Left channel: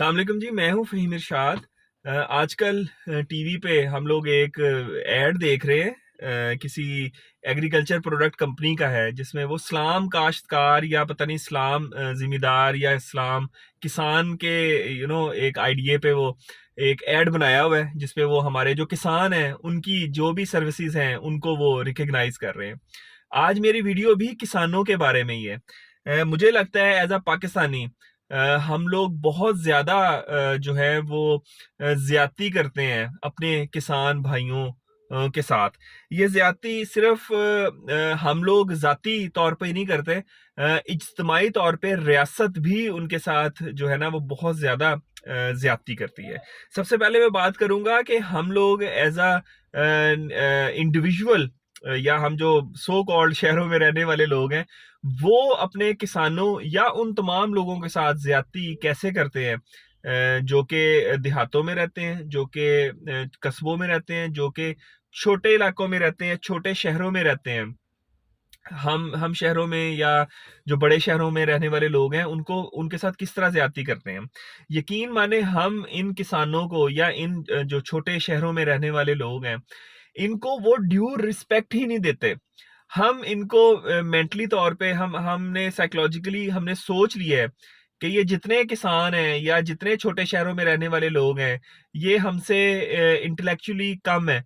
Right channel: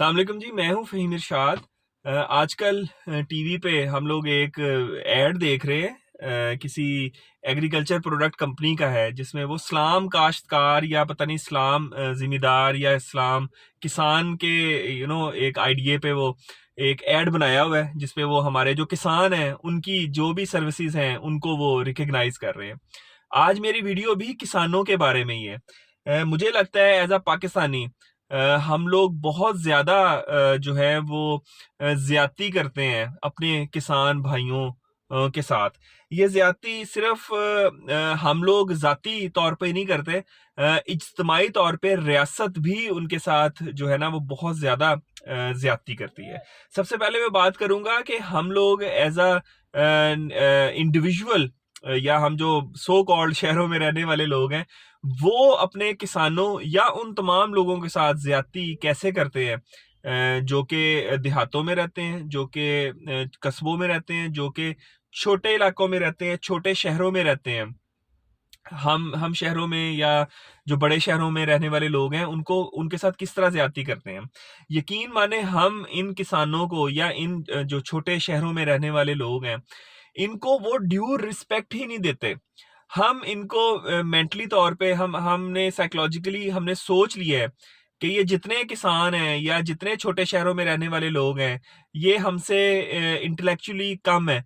अस्सलाम वालेकुम जी, मैं हूँ फ़हीम इरशाद। आजकल टीवी पे हम लोग एक ऐड देख रहे हैं, किसी एग्रीकल्चर प्रोडक्ट कंपनी का है, जिसमें वो इस्लाम काश्तकार या पता नहीं इस्लाम ज़िम्मेदार या इस्लाम किसान के एक आइडिया पे वो एक ऐड बनाया हुआ है, जिसपे वो हमारे जो किसान हैं, उनकी जो भी सर्विसेज़ हैं, उनको वो रिकॉग्नाइज़ कर रहे हैं। आज मेरी वीडियो भी किसानों के बारे में ही है। मुझे लगता है एज़ अ पाकिस्तानी हम लोग बहुत ज़्यादा जो है वो ज़्यादती करते हैं अपने किसान भाइयों के साथ। ये ज़्यादती सिर्फ़ हम लोग ज़ाती तौर पे ही नहीं करते, इज्तिमाई तौर पे रियासत भी उनके साथ जो है ना वो बहुत ज़्यादा ज़्यादती करती है। सबसे पहले मैं बात करूँगा कि हम लोग एज़ इंडिविजुअल या हम जो सो कॉल्ड शहरों में रहने वाले लोग हैं, वो अपने किसानों या उन तमाम लोगों के साथ ज़्यादती कैसे करते हैं, जो कि देहातों में रहते हैं, जो कि कस्बों में रहते हैं, जो कि छोटे इलाकों में रहते हैं, छोटे शहरों में रहते हैं। हम शहरों में या जो बड़े शहरों में रहने वाले लोग हैं, उनको उनके साथ किस तरह ज़्यादती करते हैं। यकीन माने हम इन किसानों को या इन जो छोटे शहरों में रहने वाले लोग हैं, इनको वो ड्यू रिस्पेक्ट ही नहीं देते। हम इनको मेंटली तौर पे हमने साइकोलॉजिकली हमने सोच लिया है कि ये जितने किसान हैं या जितने छोटे शहरों में रहने वाले लोग हैं, ये हमसे इंटेलेक्चुअली कम है।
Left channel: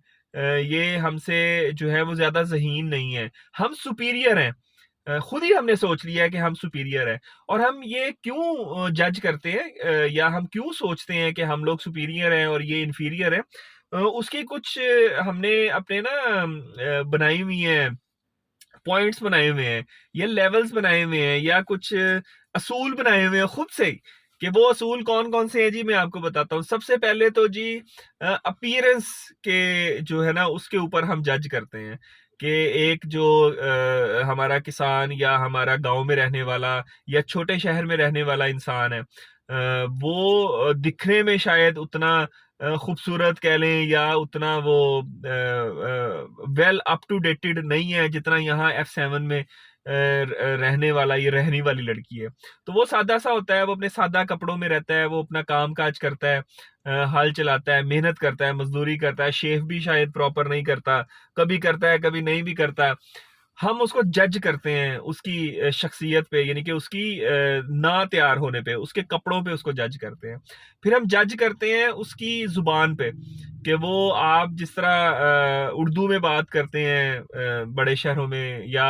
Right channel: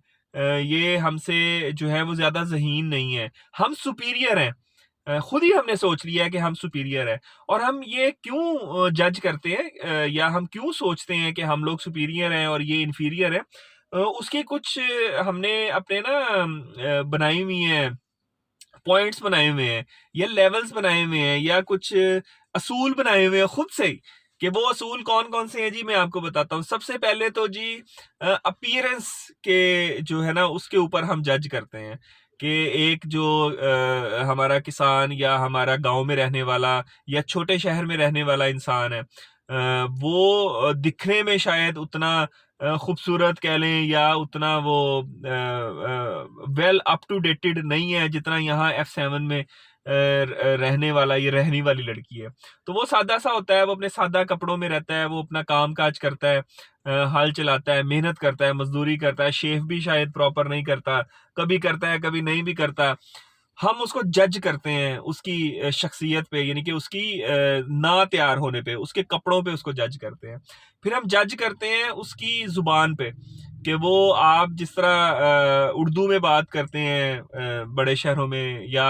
ये हमसे जो है वो ज़्यादा ज़हीन नहीं है। हम सुपीरियर हैं। खुद ही हमने सोच लिया है कि हम सुपीरियर हैं और हम ये क्यों जज करते हैं, या हम क्यों सोचते हैं कि हम लोग सुपीरियर हैं और ये इन्फीरियर हैं। उसके कुछ हमने अपने ना बनाई हुई हैं, पॉइंट्स बनाए हुए हैं या लेवल्स बनाए हुए हैं या कुछ असूल बनाए हुए हैं खुद से ही, कि वो असूल कौन-कौन से हैं जी, मैं आपको बताता हूँ। सबसे पहले तो जी अपीयरेंस के जो है ना उसके ऊपर हम जज करते हैं कि एक जो हमारा किसान या हमारा गाँव में रहने वाला या छोटे शहर में रहने वाला इंसान है, वो दिखने में शायद उतना खूबसूरत कह लें या उतना वो वेल अप टू डेटेड नहीं है जितना यहाँ F7 में रहने वाला ये रहने वाली लड़की है। तो वो सादा-सा होता है, वो अपने सादा कपड़ों में रहता है, वो अपना काम-काज करता है, हल चलाता है, मेहनत करता है, मज़दूरी करता है, शेव भी शायद प्रॉपर नहीं करता, कभी करता है, कभी नहीं भी करता। हम उसको जज करते हैं उसकी शख्सियत पे, यानी कि उसकी ना तैयार होने पे, उसके कपड़ों पे उसको जज करते हैं। फिर हम जज करते हैं उसकी ज़ुबान पे, कि वो आप जिस तरह उर्दू में बात करते हैं बड़े शहरों में या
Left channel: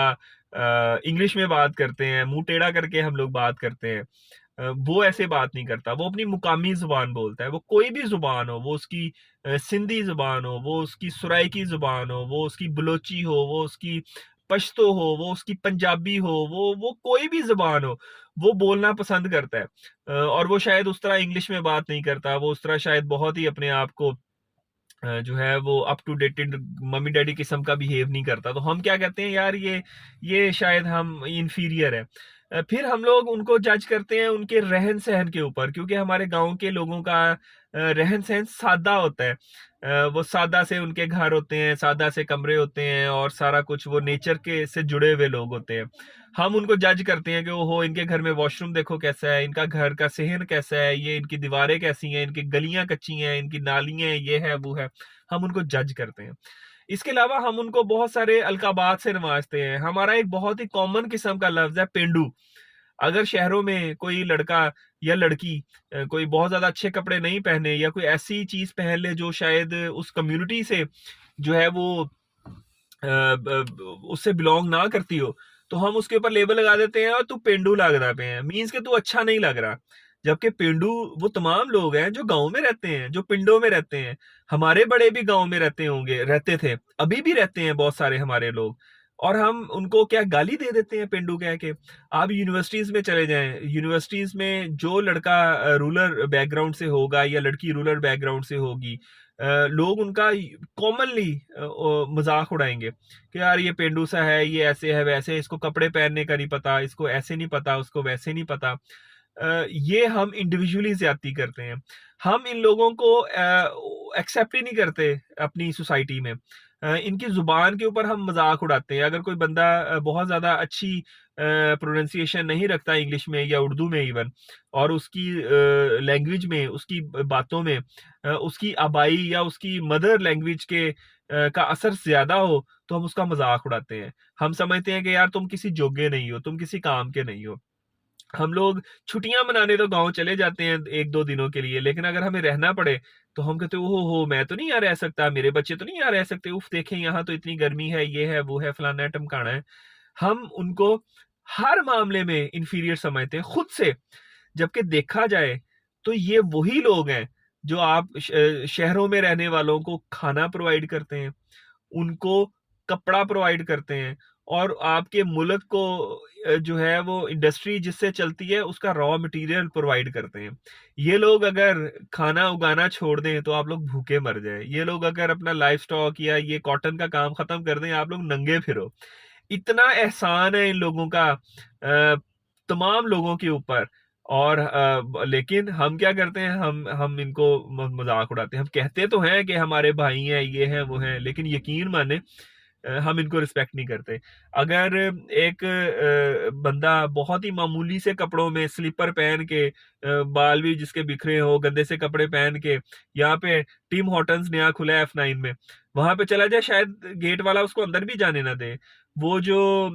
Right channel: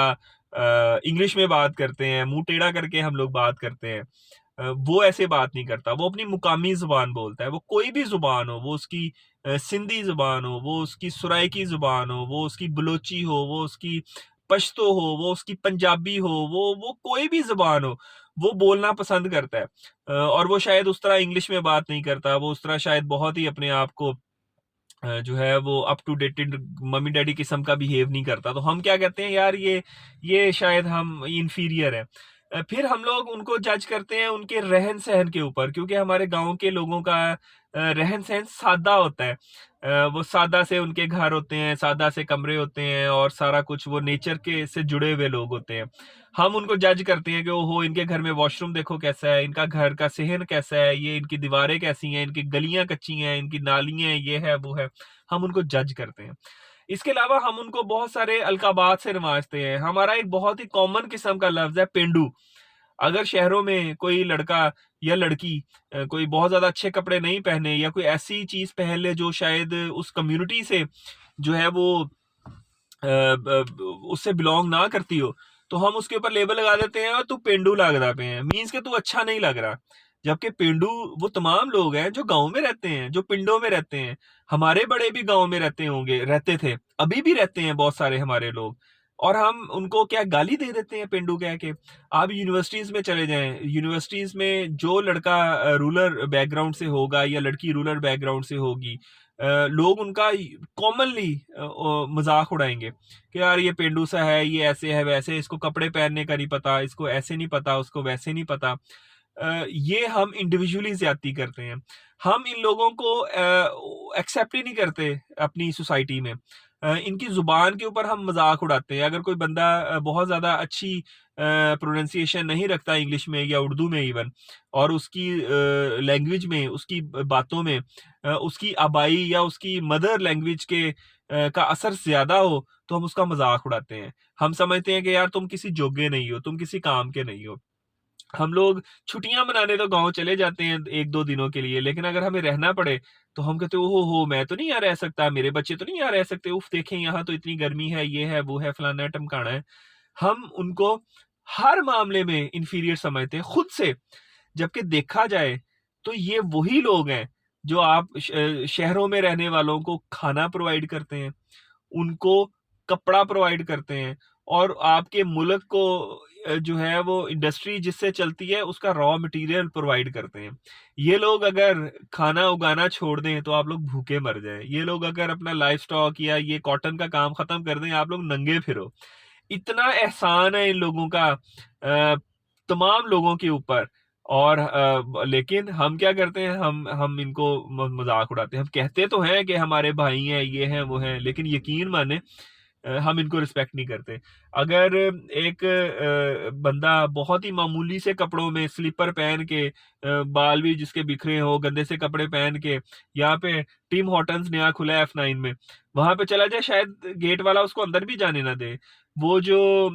इंग्लिश में बात करते हैं, मुँह टेढ़ा करके हम लोग बात करते हैं। वो ऐसे बात नहीं करता, वो अपनी मुकामी ज़ुबान बोलता है, वो कोई भी ज़ुबान हो, वो उसकी सिंधी ज़ुबान हो, वो उसकी सराइकी ज़ुबान हो, वो उसकी बलोची हो, वो उसकी पश्तो हो, वो उसकी पंजाबी हो, वो कोई भी ज़ुबान हो, वो बोलना पसंद करता है। और वो शायद उस तरह इंग्लिश में बात नहीं करता, वो उस तरह शायद बहुत ही अपने आप को जो है वो अप टू डेटेड मम्मी-डैडी किस्म का बिहेव नहीं करता। तो हम क्या कहते हैं, यार ये शायद हम इन्फीरियर हैं। फिर हम लोग उनको जज करते हैं उनके रहन-सहन के ऊपर, क्योंकि हमारे गाँव के लोगों का रहन-सहन सादा होता है। वो सादा से उनके घर होते हैं, सादा से कमरे होते हैं और सारा कुछ वो नेचर के से जुड़े हुए लोग होते हैं। हम उनको जज करते हैं कि ओहो! इनके घर में वॉशरूम देखो कैसा है, इनका घर का सेहन कैसा है, ये इनकी दीवारें कैसी हैं, इनकी गलियाँ कच्ची हैं, इनकी नालियाँ हैं, ये है, वो है। हम उनको जज करते हैं। इसके अलावा हम उनको बहुत सारे अलकाबात से नवाज़ते हैं। हमारा एक बहुत ही कॉमन किस्म का लफ्ज़ है पेंडू। अगर शहरों में कोई लड़का या लड़की कोई बहुत ज़्यादा अच्छे कपड़े नहीं पहने या कोई ऐसी चीज़ पहन ले जो शायद उस कम्युनिटी से जो है वो उससे बिलॉन्ग ना करती हो, तो हम उसके ऊपर लेबल लगा देते हैं और तू पेंडू लगदा पे है, मीन्स कि तू अच्छा नहीं लग रहा। जबकि पेंडू वो तमाम लोग हैं जो गाँव में रहते हैं, जो पिंडों में रहते हैं। हमारे बड़े भी गाँव में रहते थे, अभी भी रहते हैं बहुत सारे हमारे लोग, और हम उनको क्या गाली दे देते हैं पेंडू कह के। आप यूनिवर्सिटीज़ में चले जाएँ, यूनिवर्सिटीज़ में जो लड़का रूरल बैकग्राउंड से होगा या लड़की रूरल बैकग्राउंड से होगी, लोग उनका कॉमनली मज़ाक उड़ाएँगे कि यार ये पेंडू सा है, ये ऐसे है, वैसे है, इसको कपड़े पहनने का नहीं पता, इसको ऐसे नहीं पता, उसको वैसे नहीं पता। ये हम इंडिविजुअली ज़्यादती करते हैं। हम इन लोगों को एक्सेप्ट ही नहीं करते अपनी सोसाइटी में। इनकी ज़ुबान के ऊपर हम मज़ाक उड़ाते हैं। अगर कोई बंदा बहुत ज़्यादा अच्छी प्रोनंसिएशन नहीं रखता इंग्लिश में या उर्दू में इवन, और उसकी लैंग्वेज में, उसकी बातों में उसकी आबाई या उसकी मदर लैंग्वेज के का असर ज़्यादा हो, तो हम उसका मज़ाक उड़ाते हैं। हम समझते हैं कि यार तुम किसी जोग्गे नहीं हो, तुम किसी काम के नहीं हो। हम लोग छुट्टियाँ मनाने तो गाँव चले जाते हैं 1-2 दिनों के लिए, लेकिन अगर हमें रहना पड़े, तो हम कहते हैं, "ओहो हो! मैं तो नहीं यहाँ रह सकता, मेरे बच्चे तो नहीं यहाँ रह सकते, उफ़! देखें यहाँ तो इतनी गर्मी है, ये है, वो है, फलाना है, ढमकाना है।" हम उनको हर मामले में इंफीरियर समझते हैं खुद से, जबकि देखा जाए तो ये वही लोग हैं जो आप शहरों में रहने वालों को खाना प्रोवाइड करते हैं, उनको कपड़ा प्रोवाइड करते हैं, और आपके मुल्क को जो है वो इंडस्ट्री जिससे चलती है उसका रॉ मटेरियल प्रोवाइड करते हैं। ये लोग अगर खाना उगाना छोड़ दें तो आप लोग भूखे मर जाएँ। ये लोग अगर अपना लाइव स्टॉक या ये कॉटन का काम खत्म कर दें, आप लोग नंगे फिरो। इतना एहसान है इन लोगों का तमाम लोगों के ऊपर, और लेकिन हम क्या करते हैं, हम इनको मज़ाक उड़ाते हैं। हम कहते तो हैं कि हमारे भाई हैं, ये हैं, वो हैं, लेकिन यकीन माने हम इनको रिस्पेक्ट नहीं करते। अगर एक बंदा बहुत ही मामूली से कपड़ों में स्लीपर पहन के बाल भी जिसके बिखरे हों, गंदे से कपड़े पहन के यहाँ पे टिम हॉर्टन्स नया खुला है F9 में, वहाँ पे चला जाए, शायद गेट वाला उसको अंदर भी जाने ना दे। वो जो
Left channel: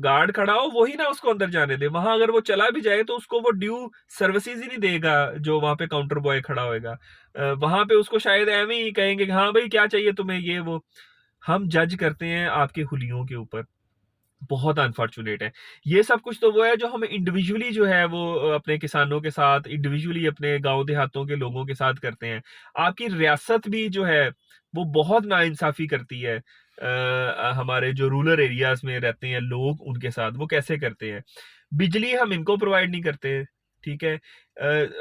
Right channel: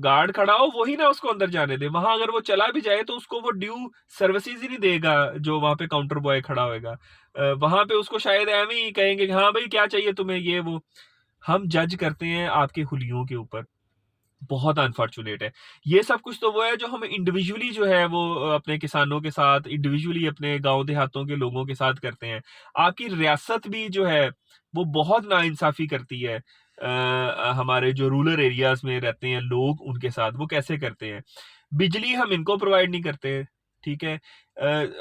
गार्ड खड़ा हो वही ना उसको अंदर जाने दे। वहाँ अगर वो चला भी जाए तो उसको वो ड्यू सर्विसेज़ ही नहीं देगा जो वहाँ पे काउंटर बॉय खड़ा होएगा। वहाँ पे उसको शायद एवें ही कहेंगे कि हाँ भाई क्या चाहिए तुम्हें, ये वो। हम जज करते हैं आपके हुलियों के ऊपर, बहुत अनफॉर्च्यूनेट है। ये सब कुछ तो वो है जो हम इंडिविजुअली जो है वो अपने किसानों के साथ, इंडिविजुअली अपने गाँव देहातों के लोगों के साथ करते हैं। आपकी रियासत भी जो है वो बहुत नाइंसाफ़ी करती है। हमारे जो रूरल एरियाज़ में रहते हैं लोग उनके साथ, वो कैसे करते हैं? बिजली हम इनको प्रोवाइड नहीं करते, ठीक है?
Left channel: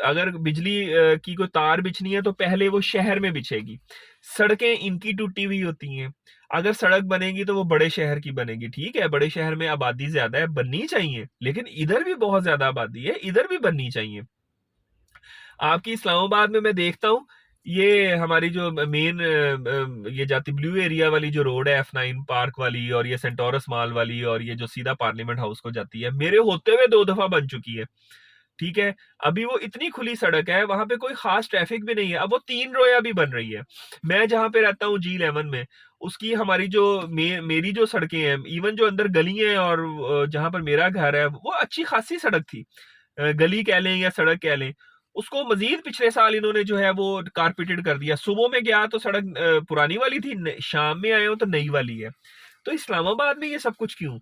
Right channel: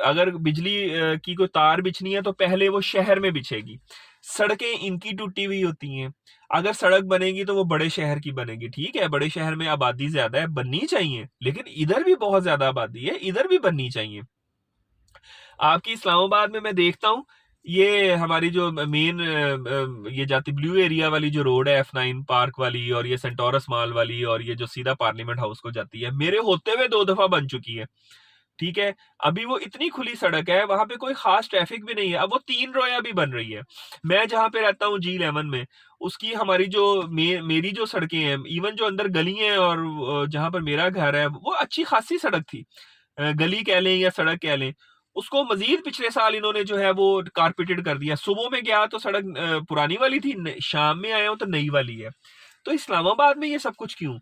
अगर बिजली की कोई तार बिछनी है तो पहले वो शहर में बिछेगी। सड़कें इनकी टूटी हुई होती हैं। अगर सड़क बनेगी तो वो बड़े शहर की बनेगी, ठीक है, बड़े शहर में आबादी ज़्यादा है, बननी चाहिए, लेकिन इधर भी बहुत ज़्यादा आबादी है, इधर भी बननी चाहिए। आपकी इस्लामाबाद में मैं देखता हूँ, ये हमारी जो मेन ये जाती ब्लू एरिया वाली जो रोड है F9 पार्क वाली, और ये सेंटोरस मॉल वाली, और ये जो सीधा पार्लियामेंट हाउस को जाती है, मेरे होते हुए 2 दफ़ा बन चुकी है। ठीक है? अभी वो इतनी खुली सड़क है, वहाँ पे कोई ख़ास ट्रैफ़िक भी नहीं है। अब वो 3 रोया भी बन रही है। मैं जहाँ पे रहता हूँ G11 में, उसकी हमारी जो मेरी जो सड़कें हैं, इवन जो अंदर गली हैं, और जहाँ पर मेरा घर है, वो अच्छी ख़ासी सड़क थी। गली कह लें या सड़क कह लें, उसको मज़ीद पिछले साल इन्होंने जो है वो कारपेटेड कर दिया। सुबह में गया तो सड़क पुरानी वाली थी, शाम में आया हूँ तो नई वाली है। तो इस्लामाबाद में ये सब कुछ क्यों?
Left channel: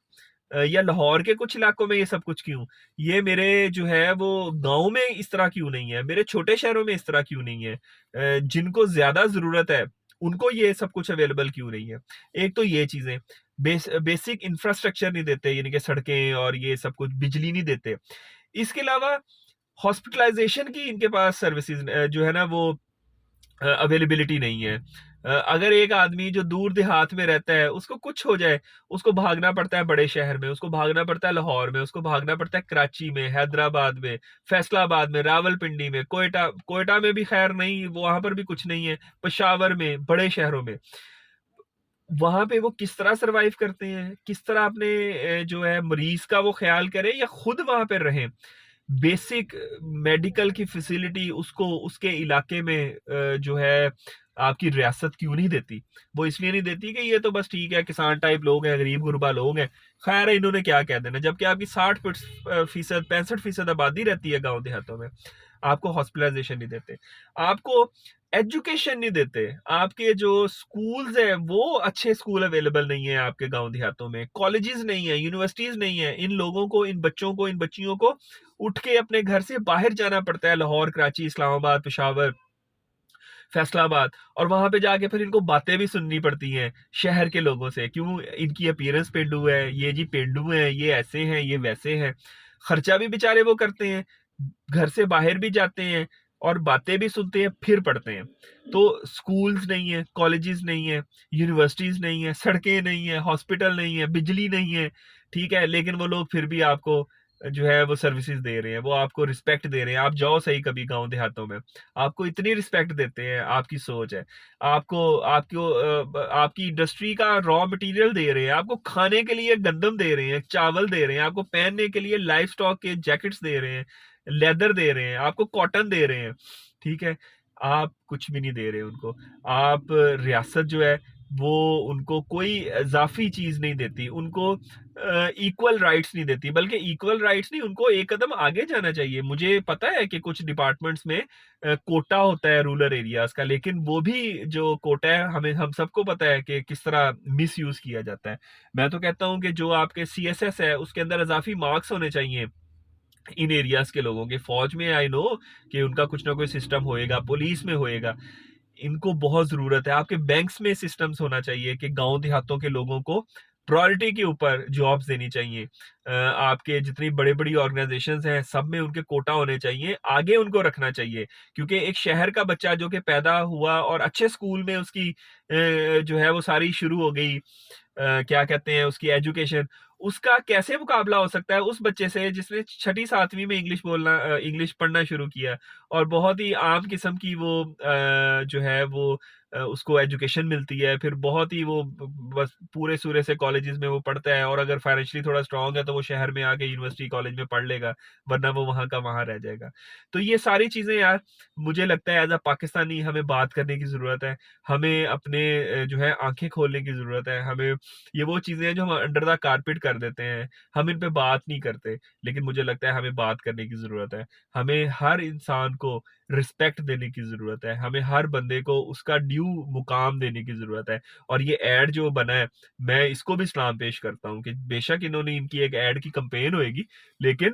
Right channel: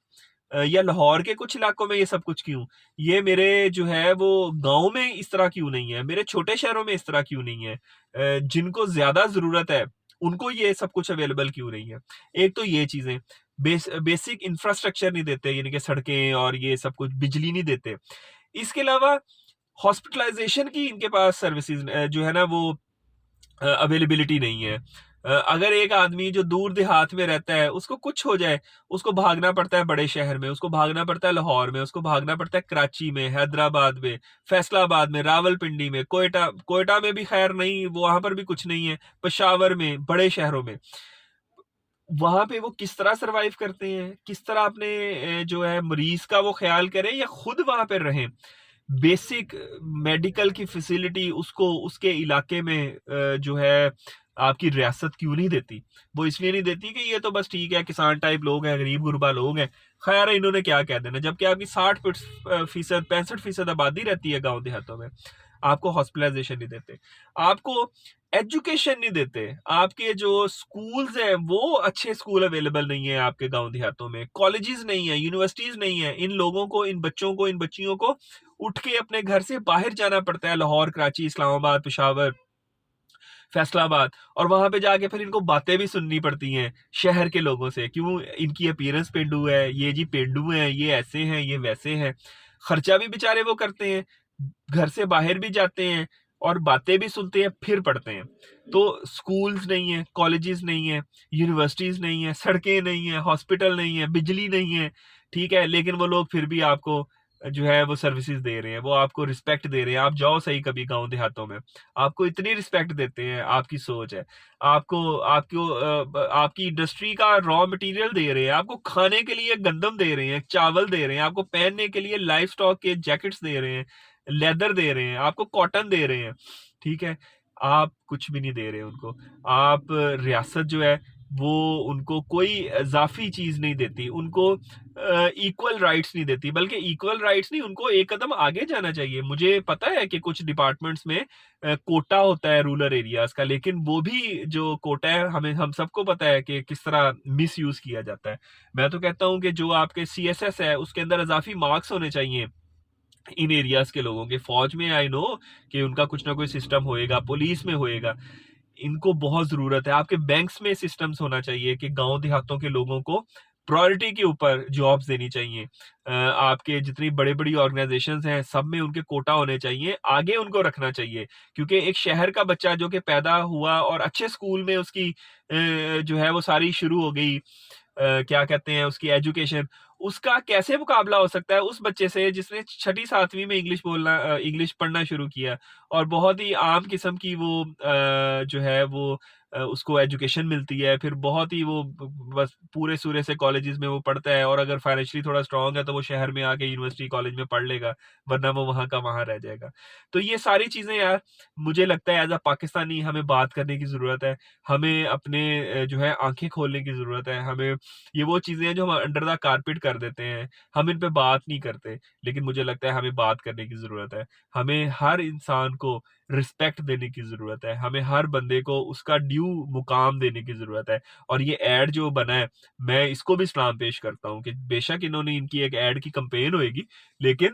या लाहौर के कुछ इलाकों में ये सब कुछ क्यों? ये मेरे जो है वो गाँव में इस तरह क्यों नहीं है? मेरे छोटे शहरों में इस तरह क्यों नहीं है? जिनको ज़्यादा ज़रूरत है, उनको ये सब कुछ अवेलेबल क्यों नहीं है? एक तो ये चीज़ें, बेसिक इंफ्रास्ट्रक्चर नहीं देते, यानी कि सड़कें और ये सब कुछ, बिजली नहीं देते। इसके अलावा हॉस्पिटलाइज़ेशन की इनके पास सर्विसेज़ जो है ना वो अवेलेबिलिटी नहीं है। अगर एक आदमी जो दूर देहात में रहता है, उसको कुछ हो जाए, उसको भागना पड़ता है बड़े शहर में, उसको भागना पड़ता है लाहौर में, उसको भागना पड़ता है कराची में, हैदराबाद में, फैसलाबाद में, रावलपिंडी में, कोयटा कोयटा में भी खैर नहीं, वो वहाँ पर भी कुछ नहीं है, पेशावर में, बड़े शहरों में। वहाँ पे वो किस तरह सर्वाइव करते हैं? किस तरह अपने जो है मरीज़ का वो ख़्याल करें या खुद वहाँ पे रहें? बेसिक मेडिकल की फैसिलिटी उसको उसके इलाके में जो है आपकी रियासत क्यों नहीं देती? वो इसलिए नहीं देती कि ये तो बस ठीक है, किसान टाइप लोग हैं, गरीब-गुरबा लोग हैं, खैर है इन्होंने क्या कह देना, जबकि आपकी 60% 65% आबादी रहती है गाँव देहातों में। आपको हॉस्पिटलाइज़ेशन नहीं देते, आपको एजुकेशन नहीं देते, आपके जो स्कूल्स हैं वो अच्छे स्कूल अवेलेबल नहीं है आपके गाँव देहातों में, कॉलेजेस नहीं है, यूनिवर्सिटीज़ नहीं है। इन लोगों को, इन बच्चों को, इन बच्चियों को उठ के अपने घर से बाहर जाना पड़ता है, लाहौर, कराची, इस्लामाबाद, पेशावर, फैसलाबाद, और वहाँ पे जाके फिर इनको बातें भी सुननी पड़ती हैं शहर के लोगों से, क्यों इनकी अपीयरेंस पेंडू है, ये जी पेंडू हैं, ये ऐसे हैं, ये वैसे हैं। खर्चा भी बेचारे वो करते हैं, घर से बाहर भी जाते हैं और बातें भी सुनते हैं, फिर पढ़ते हैं। तो स्कूल्स नहीं है, कॉलेजेस नहीं है, यूनिवर्सिटीज़ नहीं है, सड़कें नहीं है, हॉस्पिटल नहीं है, बिजली नहीं है, ठीक है? लेकिन वो लोग फिर भी आपको जो है वो सर्विसेज़ दे रहे हैं, वो आपको रिस्पेक्ट दे रहे हैं। आप जाओ सही कभी गाँव देहातों में, आपको इतनी रिस्पेक्ट देते हैं, आपकी सोच है। आपकी इंडस्ट्री का रॉ मटेरियल दे रहे हैं, आपको खाने के लिए गंदम दे रहे हैं, चावल दे रहे हैं, आपको पहनने के लिए लाइव स्टॉक के जैकेट्स दे रहे हैं, लेदर दे रहे हैं, आपको कॉटन दे रहे हैं, ठीक है? आप कुछ भी नहीं दे रहे उनको। आप रियासत जो है वो उनको कोई इज़ाफ़ी चीज़ नहीं देती, उनको इक्वल राइट्स नहीं देती, बल्कि इक्वल राइट्स नहीं, उनको एक कदम आगे जाना चाहिए। मुझे पता है कि कुछ डिपार्टमेंट्स में कोटा होता है रूरल एरियाज़ का, लेकिन वो भी जो कोटा है हमें हम सबको पता है कि किस तरह मिसयूज़ किया जाता है। मैं तो कहता हूँ कि जो आपके सीएसएस है उसके अंदर इज़ाफ़ी मार्क्स होने चाहिए इन एरियाज़ के लोगों के। फ़ौज में आई नो कि उनका कुछ ना कोई सिस्टम होएगा, पुलिस में होएगा। इनको बहुत ज़रूरत है। आपके बैंक्स में सिस्टम्स होना चाहिए कि गाँव देहातों के लोगों को प्रायोरिटी के ऊपर जॉब्स देनी चाहिए। आपके जितनी बड़ी-बड़ी ऑर्गनाइज़ेशंस हैं, सब में उनके कोटा होने चाहिए, आगे उनको रखना चाहिए। क्योंकि एक शहर का बच्चा जो कि पैदा हुआ और अच्छे स्कूल में उसकी जो है वो सारी शुरू हो गई, क्या कहते हैं उसकी एजुकेशन, उसका कैसे मुकाबला हो सकता है उस बच्चे से जिसने छठी 7वीं में इंग्लिश पढ़ना शुरू किया और बहुत ही आम किस्म की वो जो है वो उसको एजुकेशन मिलती है, फिर बहुत ही वो बस पूरे-सूरे से कॉलेजेस में वो पढ़ता है और अगर फाइनेंशियली थोड़ा स्ट्रॉन्ग है तो वो शहर में आके यूनिवर्सिटी कॉलेज में पढ़ लेगा, वरना वो वहाँ का वहाँ रह जाएगा। तो ये सारी चीज़ें यार मुझे लगता है एज़ अ पाकिस्तानी हमें बात करने की ज़रूरत है। हमें अपने जो है आँखें खोलने की ज़रूरत है। हमें ये वो चीज़ें हैं जो हम अंडर द कारपेट कर देते हैं, हम इन पे बात नहीं करते, लेकिन मुझे लगता है हमें बात करने की ज़रूरत है। हमें हर इंसान को रिस्पेक्ट देने की ज़रूरत है, हमें हर बंदे को उसका ड्यू मुकाम देने की ज़रूरत है और ये ऐड जो बना है, मैं इसको भी सलाम पेश करता हूँ कि बेशक इन्होंने इनकी एक ऐड की कैम्पेन होएगी, लेकिन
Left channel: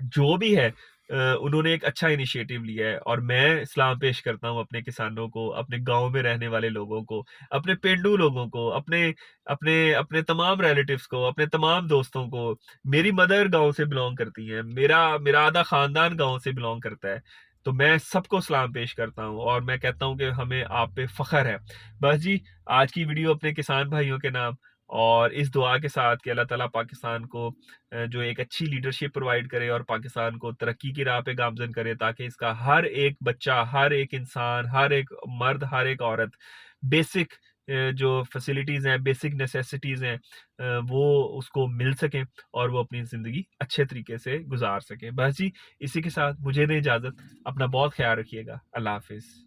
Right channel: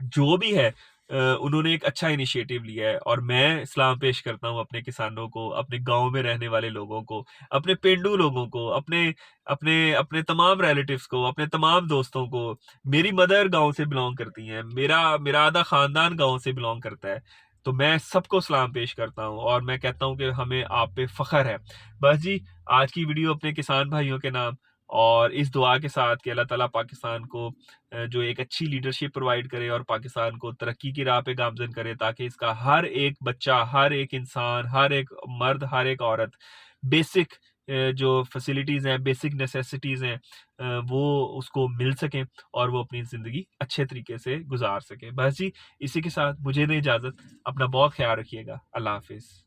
जो भी है उन्होंने एक अच्छा इनिशिएटिव लिया है और मैं सलाम पेश करता हूँ अपने किसानों को, अपने गाँव में रहने वाले लोगों को, अपने पेंडू लोगों को, अपने अपने अपने तमाम रिलेटिव्स को, अपने तमाम दोस्तों को। मेरी मदर गाँव से बिलॉन्ग करती हैं, मेरा मेरा आधा खानदान गाँव से बिलॉन्ग करता है। तो मैं सबको सलाम पेश करता हूँ और मैं कहता हूँ कि हमें आप पे फ़ख्र है। बस जी, आज की वीडियो अपने किसान भाइयों के नाम और इस दुआ के साथ कि अल्लाह ताला पाकिस्तान को जो एक अच्छी लीडरशिप प्रोवाइड करे और पाकिस्तान को तरक्की की राह पे गामज़न करे ताकि इसका हर एक बच्चा, हर एक इंसान, हर एक मर्द, हर एक औरत बेसिक जो फैसिलिटीज़ हैं, बेसिक नेसेसिटीज़ हैं वो उसको मिल सकें और वो अपनी ज़िंदगी अच्छे तरीके से गुज़ार सकें। बस जी, इसी के साथ मुझे दें इजाज़त। अपना बहुत ख़्याल रखिएगा। अल्लाह हाफ़िज़।